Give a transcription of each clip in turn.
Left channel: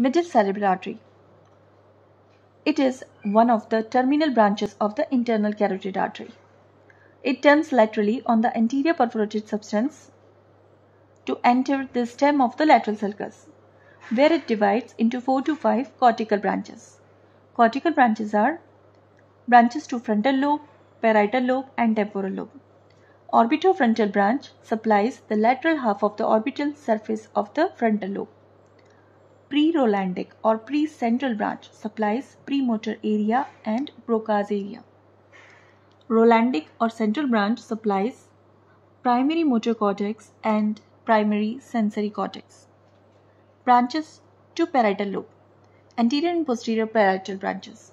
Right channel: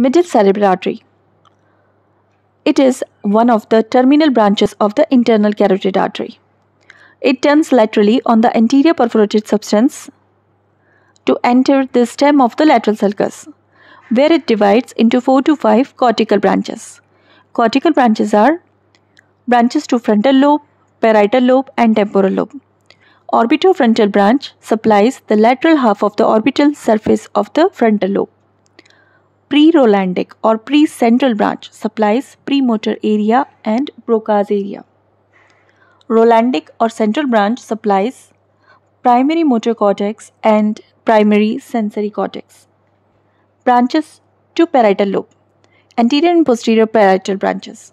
Middle cerebral artery. It is one of the terminal branches of the internal carotid artery. It turns laterally on the anterior perforated substance to enter the stem of the lateral sulcus, where it divides into 4 to 5 cortical branches. Cortical branches are branches to frontal lobe, parietal lobe, and temporal lobe. Orbitofrontal branch supplies the lateral half of the orbital surface of the frontal lobe. Pre-Rolandic or pre-central branch supplies premotor area and Broca's area. Rolandic or central branch supplies primary motor cortex and primary sensory cortex. Branches to parietal lobe. Anterior and posterior parietal branches.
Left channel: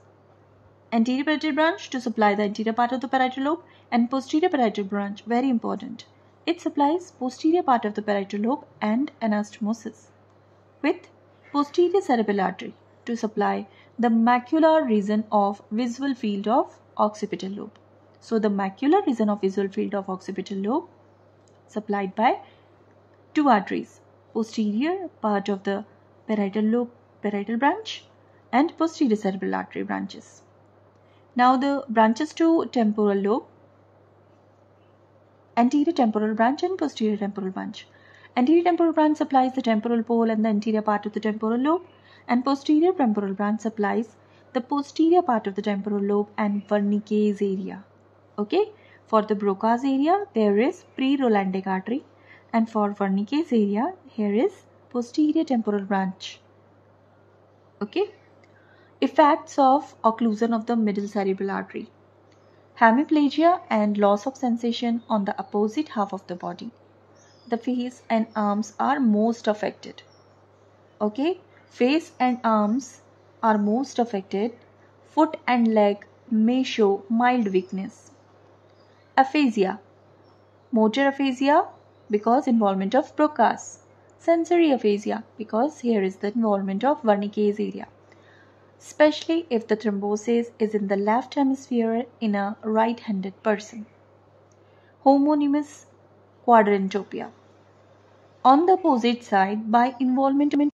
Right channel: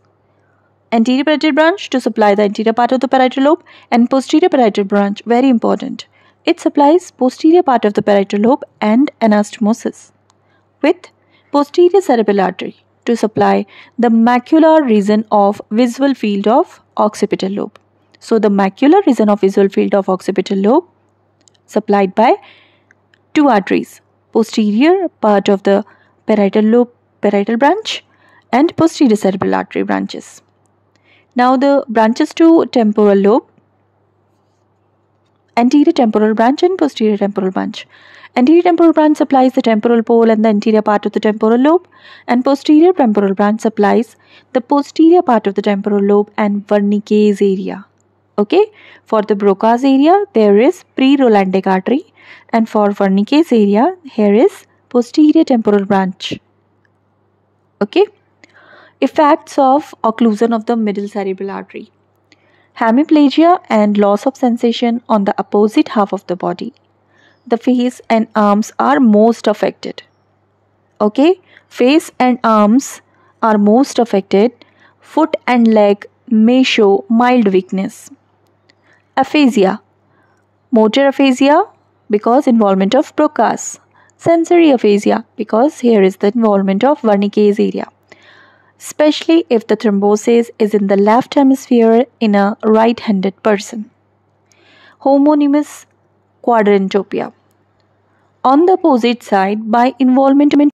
Anterior parietal branch to supply the anterior part of the parietal lobe, and posterior parietal branch, very important. It supplies posterior part of the parietal lobe and anastomosis, with posterior cerebral artery to supply the macular region of visual field of occipital lobe. So the macular region of visual field of occipital lobe supplied by two arteries, posterior part of the parietal lobe parietal branch and posterior cerebral artery branches. Now the branches to temporal lobe, anterior temporal branch and posterior temporal branch. Anterior temporal branch supplies the temporal pole and the anterior part of the temporal lobe, and posterior temporal branch supplies the posterior part of the temporal lobe and Wernicke's area. Okay, for the Broca's area there is pre-Rolandic artery, and for Wernicke's area here is posterior temporal branch. Okay, effects of occlusion of the middle cerebral artery. Hemiplegia and loss of sensation on the opposite half of the body. The face and arms are most affected. Okay, face and arms are most affected. Foot and leg may show mild weakness. Aphasia, motor aphasia because involvement of Broca's. Sensory aphasia because here is the involvement of Wernicke's area, especially if the thrombosis is in the left hemisphere in a right-handed person. Homonymous quadrantopia. On the opposite side by involvement